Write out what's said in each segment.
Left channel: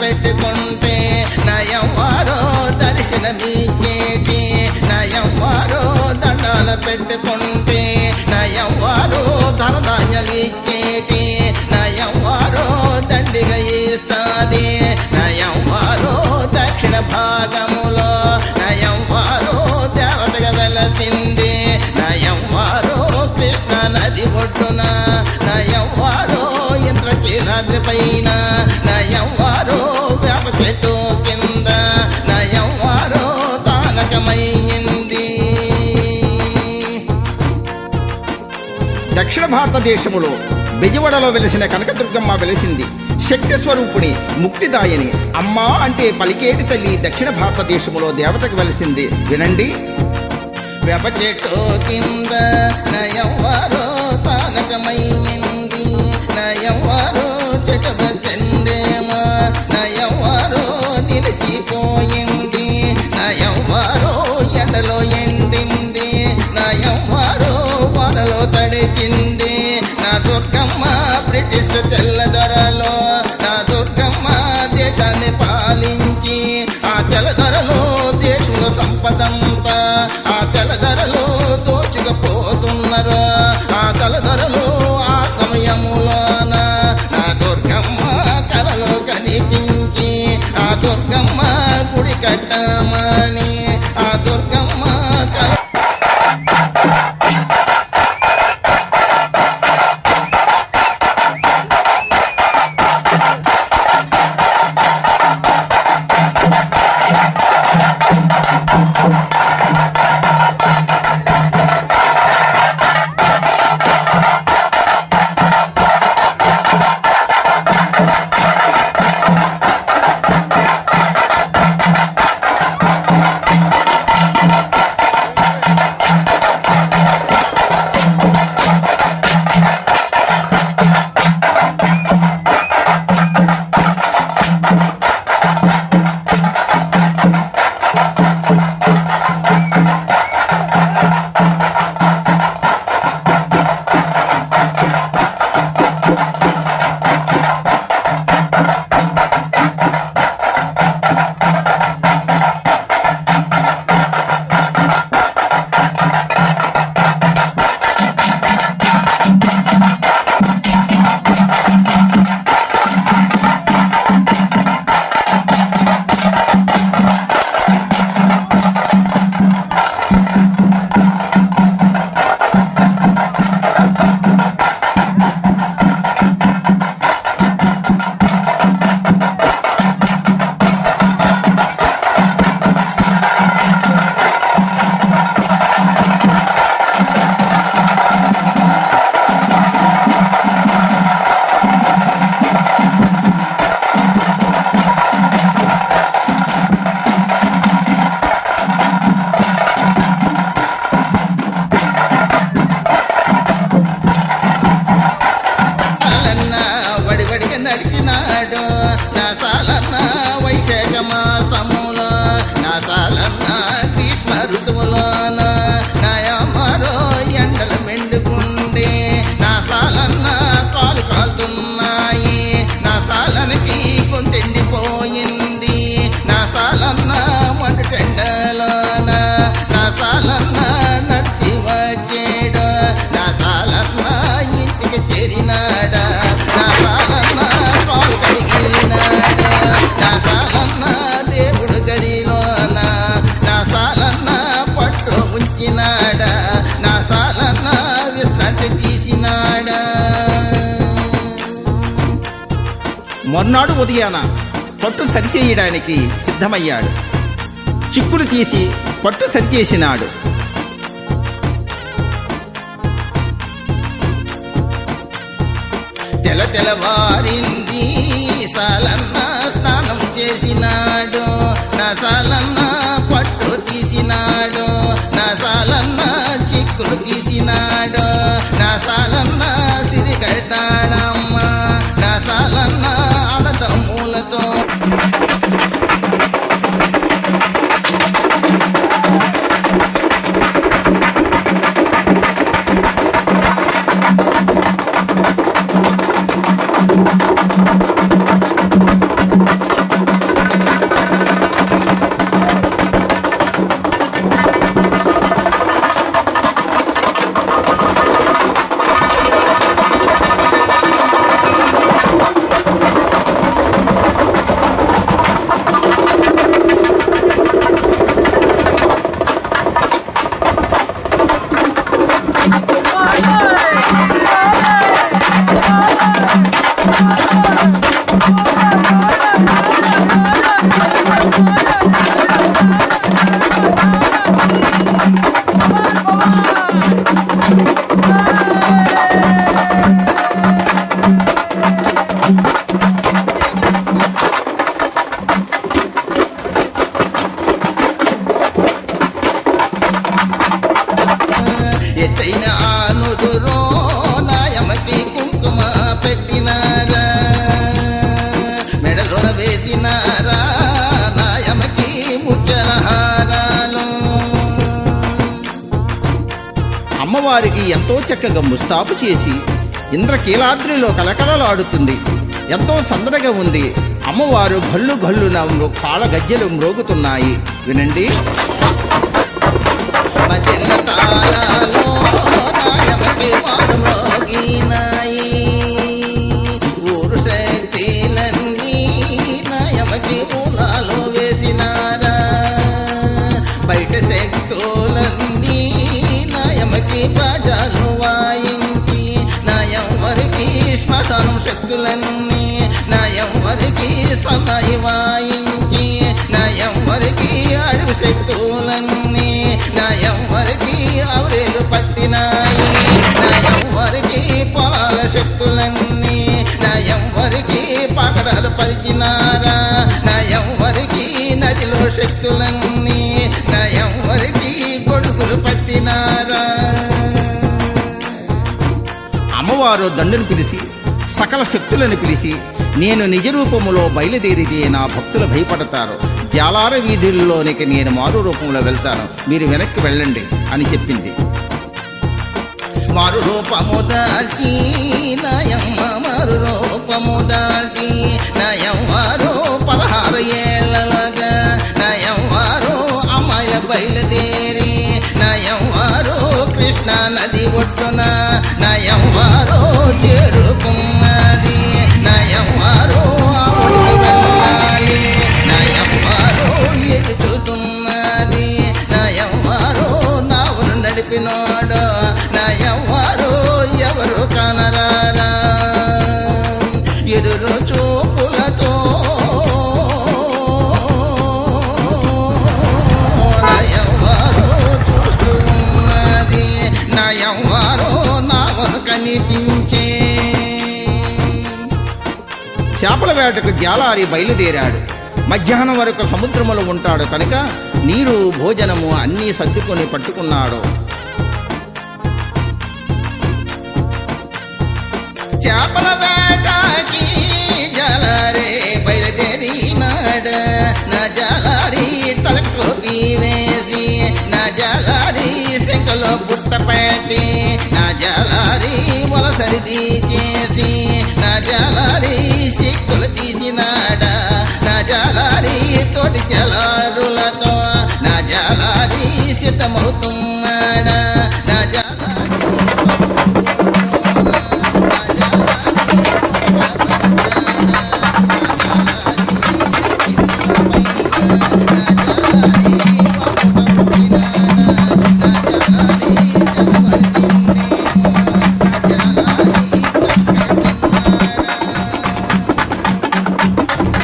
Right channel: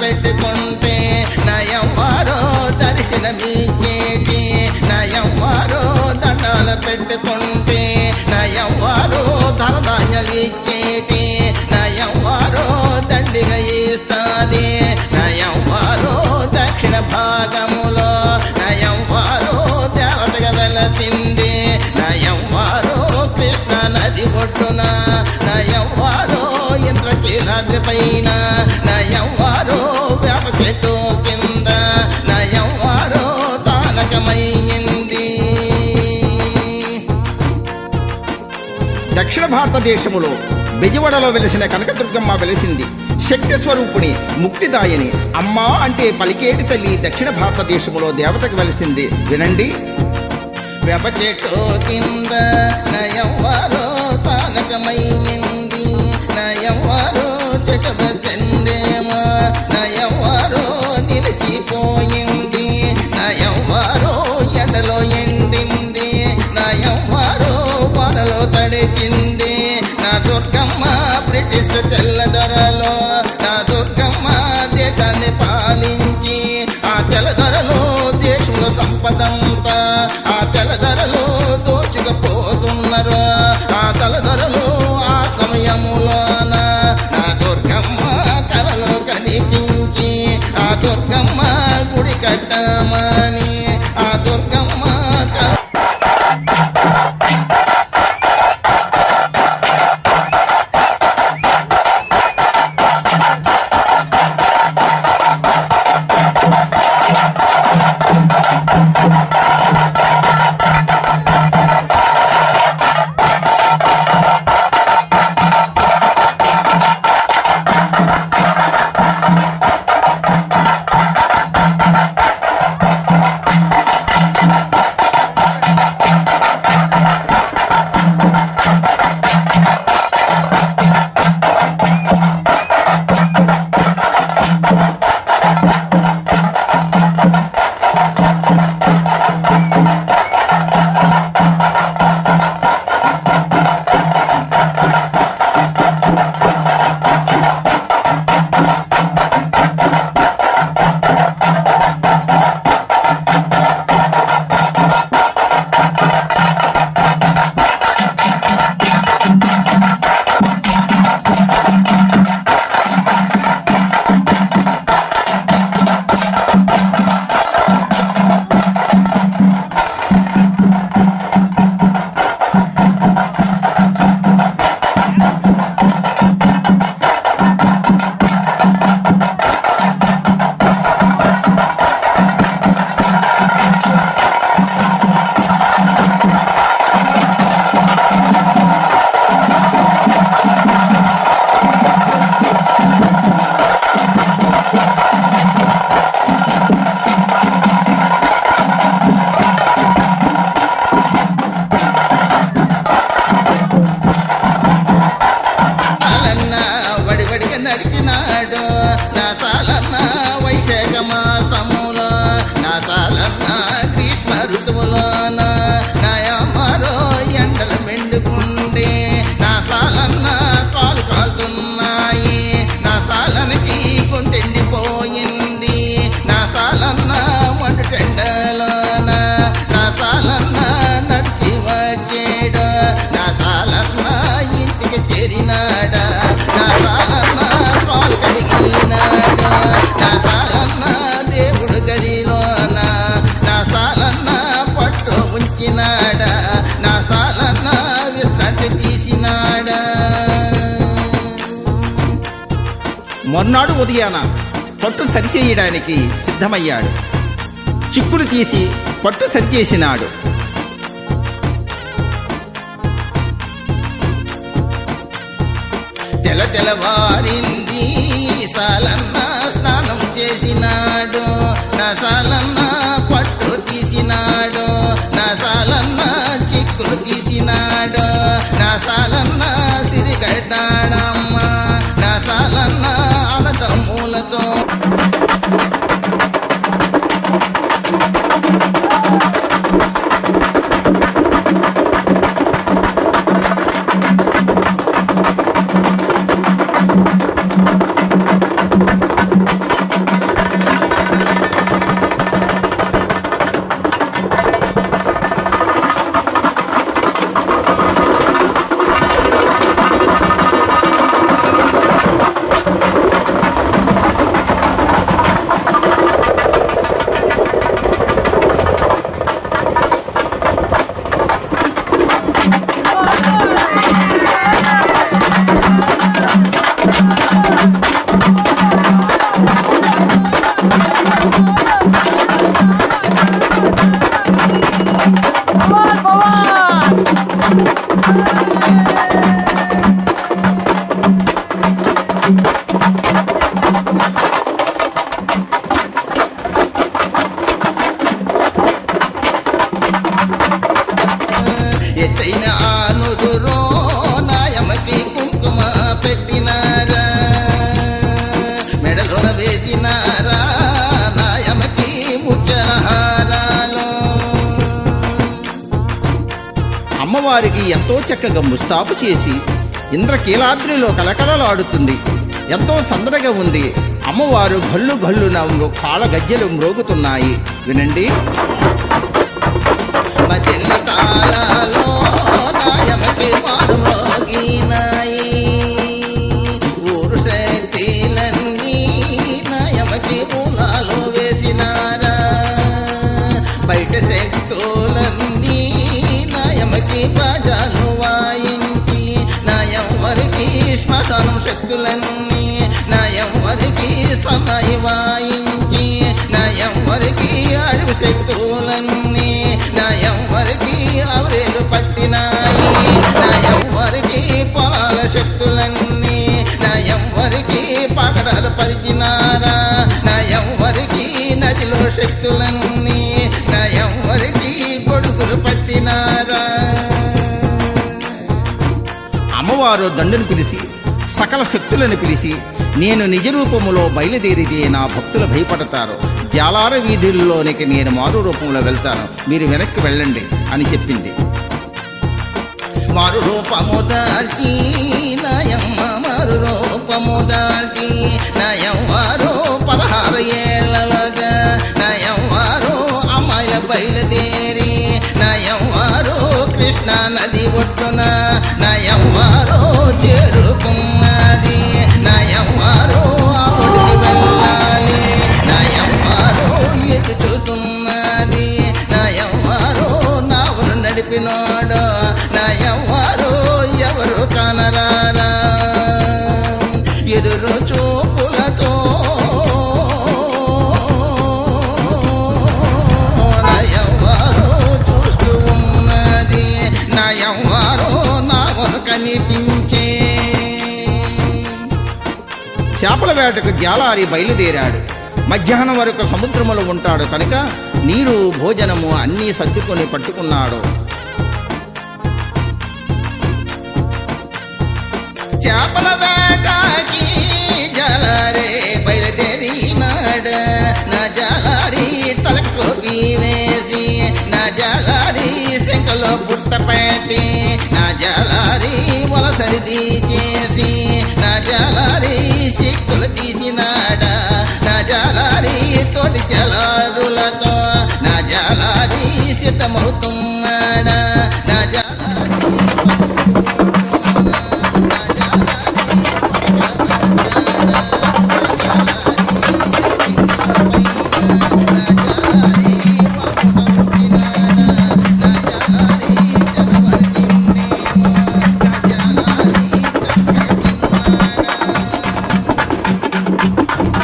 పెట్టుకుంటే నయవారో దర్శనమిచ్చేటి నయవారో దండాలు పెట్టుకుంటే నయవారో ధనధాన్యాలు ఇచ్చేటి నయవారో దండిగా ఇస్తాది నయవారో దక్షిణ భాగములో నయవారో దేవతగా వెలసింది నయవారో కృష్ణ నది ఒడ్డున నయవారో ఇంద్రకీలాద్రి పైన నయవారో వేప చెట్టు కింద నయవారో తానకమైంది. దక్షిణ భారతదేశములో బెజవాడలో వెలిసిన కనకదుర్గమ్మ వెలిసింది. శక్తి స్వరూపుని, ముక్తిదాయని, అమ్మా అంటే పలికేటి తల్లి దక్షిణ భారతదేశములో దేవతకు వెలిసింది. వినండి. వేప చెట్టు కింద నయవారో తానకమైంది నయవారో చెట్టు బెండేమో నయవారో నిలిచిపోయింది నయవారో ఎండలో ఎండింది నయవారో వానలో తడిచింది. నా దుర్గమ్మ బ్రిటిష్ తెల్లదొరలో నా దుర్గమ్మ దేశాన్ని పాలించి ఆ తెల్లదొరలో దేశంలో సంపదంతా ఆ తెల్లదొరలో దోచుకుపోతున్నారు. ఆ తెల్లదొరలో ఆ సమయములోన నా దుర్గమ్మ కలలో కనిపించి ఆ దుర్గమ్మ గుడి కట్టమని ఆ దుర్గమ్మ కల నడిచినాడు నా సాలన్న వైశాఖ మాసములో నా సాలన్న గ్రీష్మ ఋతువులోన నయమరో ఎండలు మెండుకుండే నా సాలన్న కాలు కాలుతున్నాయి నా సాలనికి గొంతెండిపోయింది నా సాలన్న మండు టెండలోన నా సాలన్న నడిచి వచ్చేడు నా సాలన్న ఇంటికి చేరినాడా నా సాలన్న కాలు కడిగినాడు నా సాలన్న దేవుడు గదిలోన నా సాలన్న పట్టు ఉంచినాడా నా సాలన్న విశ్రాంతి తీసినాడా. మర్నాడు ఉదయాన పట్టు సరిచేయడానికి సిద్ధమయ్యాడు. చిక్కులు తీసి పట్టు సరిచేసినాడు. తెల్లవారింది సాలన్న స్నానం చేసినాడు నా సాలన్న పట్టు తీసినాడు నా సాలన్న చిక్కులు తీసినాడు నా సాలన్న సిరిగడ్డాడమ్మ నా సాలన్న అన్నదమ్ములతో ఎత్తైన ఆనుదురో నాయమకి కుంకుమ పెట్టినారా మెడలోన వేసినారా నాయమకి ముచ్చల హారాలు అమ్మవారికి ఎంతో చక్కగా ముస్తాబు చేసి ఇంద్రకీలాద్రిలో కలకలలాడుతుంది. ఎంతో సందడిగా ఉంది. అమ్మవారు గల్లు గల్లున కాళ్ళ గజ్జెలు మ్రోగుతున్నాయి. వినండి. మధ్యల తాళాలో నాయమకి మారు మ్రోగినాయి ఊరు శక్తులన్నీ నాయమకి మూలాలు వేసినారా బయట శక్తులన్నీ నాయమకి బాజాలు వాయించి నాయం వరికి శ్మశానం శక్తులన్నీ నాయం వరికి సన్నాయి వాయించి నాయం వరికి అడవి శక్తులన్నీ నాయం వరికి అవరేలు పట్టినాయి నాయం వరికి పొలాల శక్తులన్నీ నాయం వరికి పగడాలు పరిచినారా నాయం వరికి నదిలో శక్తులన్నీ నాయం వరికి గొడుగులు పట్టినారా అమ్మవారు దండును పిలిచి సకల శక్తులను పిలిచి నేను నిజ రూపములో బయలుదేరితే నా భక్తులు భయపడతారు. జాలార వీధుల్లోనికి నేను మారు రూపంలో వెళ్తాను, మీరు వెనక్కి వెళ్ళండి అని చెప్పింది. మారు రూపము దాల్చి నాయమ్మ మారు రూపము దాల్చి నాయమ్మారు 16 ఏళ్ళగా నాయమ్మారు అమ్మాయిల బయలుదేరి నాయమ్మారు కృష్ణా నది ఒడ్డున నాయమ్మారు చేరుకున్నది నాయమ్మారు ఆ ఒడికి వెళ్ళాలి నాయమ్మారు ఎదుచుతున్నది నాయమ్మారు నావును నడిపినోడు నాయమ్మారు ఎవరు కనరారా ఎదురు చూపులతో నాయమ్మారు చూస్తూ ఉన్నది నాయమ్మారు నావును కనిపించే చేపల వేటకు జాలారి బయలుదేరాడు. మధ్యాహ్నం వరకు సముద్రములో ఉంటాడు కనుక నీరు భోజనము అన్నీ సర్దుకొని పట్టుకున్నాడు. చేపల వేటకి జాలారే బయలుదేరినాడ నా జాలారి తలకోకి వేసి నా జాలారి శంకలో బుట్ట పెట్టి నా జాలారి వలసరిది చేసి నా జాలారి సిక్కులు తీసినాడ నా జాలారి తోటి జలారులతో నా జాలారి సిద్ధమవుతున్నాడ నా జాలారి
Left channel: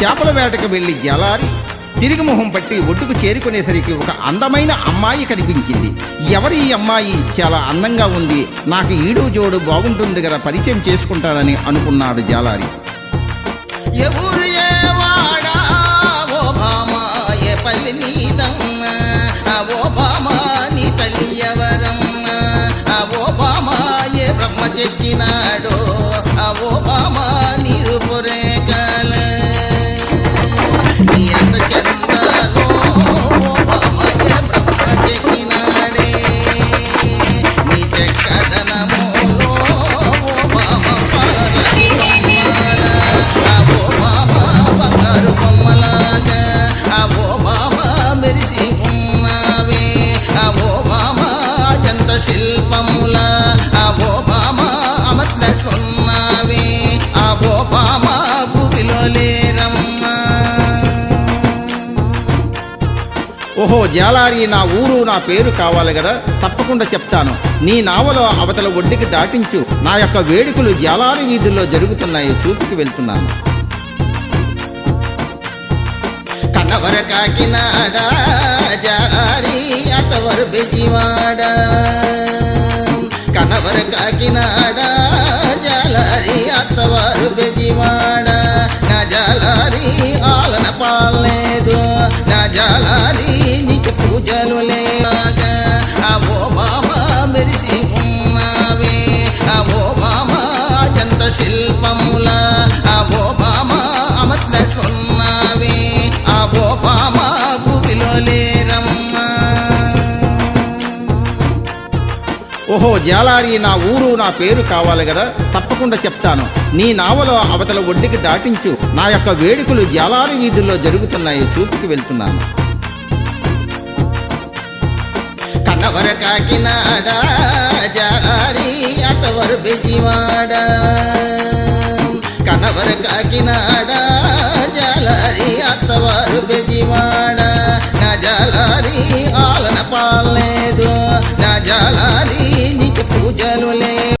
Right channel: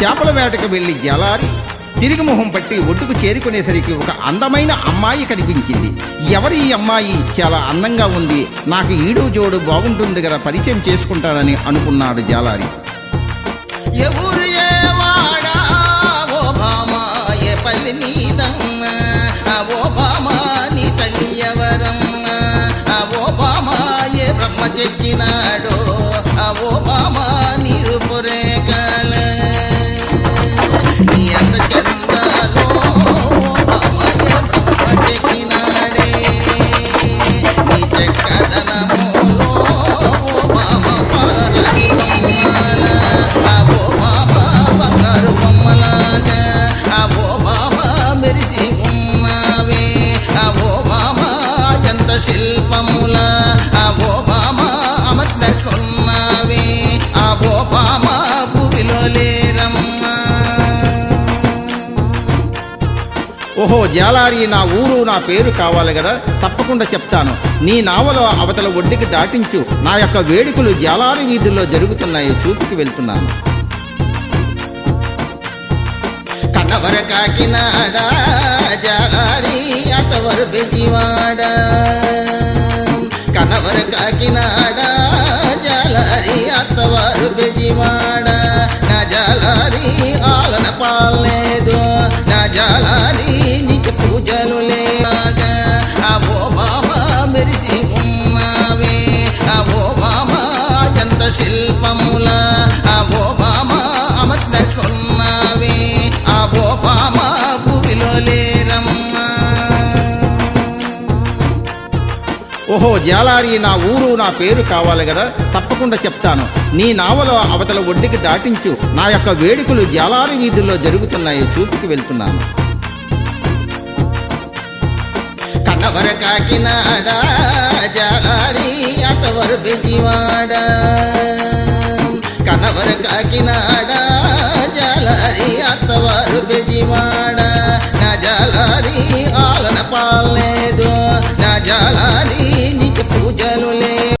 చేపల వేటకు వెళ్లి జాలారి తిరిగి మొహం పట్టి ఒడ్డుకు చేరుకునేసరికి ఒక అందమైన అమ్మాయి కనిపించింది. ఎవరి ఈ అమ్మాయి? చాలా అందంగా ఉంది, నాకు ఈడు జోడు బాగుంటుంది కదా, పరిచయం చేసుకుంటానని అనుకున్నాడు జాలారి. ఎవరు ఏ వాడా ఓ భామా ఏ పల్లి నీదమ్మ ఓ భామా నీ తల్లి ఎవరమ్మ ఓ భామా ఏ బ్రహ్మ చెక్కినాడో ఓ భామా నీ రూపురేఖల నీ అంద చందాలో ఓ భామా ఏ బ్రహ్మ చెక్కినాడే నీ చెక్కదనములో ఓ భామా పాలరాతి బొమ్మల ఓ భామా బంగారు బొమ్మలాగా ఓ భామా మెరిసి ఉన్నావే ఓ భామా అజంత శిల్పముల ఓ భామా అమర్చినట్లున్నావే ఓ భామా భూమిలో లేరమ్మా. ఓహో జాలారి, నా ఊరు నా పేరు కావాలి కదా, తప్పకుండా చెప్తాను. నీ నావలో అవతల ఒడ్డుకి దాటించు. నా యొక్క వేడుకలు జాలారి వీధుల్లో జరుగుతున్నాయి, చూపుకి వెళ్తున్నాను. కన్నవర కాకినాడ జాలారి అతవరు బెజివాడ కన్నవర కాకినాడ జాలారి అత్తవారు బెజివాడ నా జాలారి ఆలన పాలేదు నా జాలారి నీకు పూజలు లేగా ఓ బామ మెరిసి శిల్పముల ఆ ఓబామా అమర్చినట్లున్నావే ఆ ఓబామా భూమిలో లేరమ్మా. ఓహో జాలారి, నా ఊరు నా పేరు కావాలి కదా, తప్పకుండా చెప్తాను. నీ నావలో అవతల ఒడ్డుకి దాటించు. నా యొక్క వేడుకలు జాలారి వీధుల్లో జరుగుతున్నాయి, చూపుకి వెళ్తున్నాను. కన్నవర కాకినాడ జాలారి అత్తవరు బెజివాడ కన్నవర కాకినాడ జాలారి అత్తవారు బెజివాడ నా జాలారి ఆలన పాలేదు నా జాలారి నీకు పూజలు లేవు.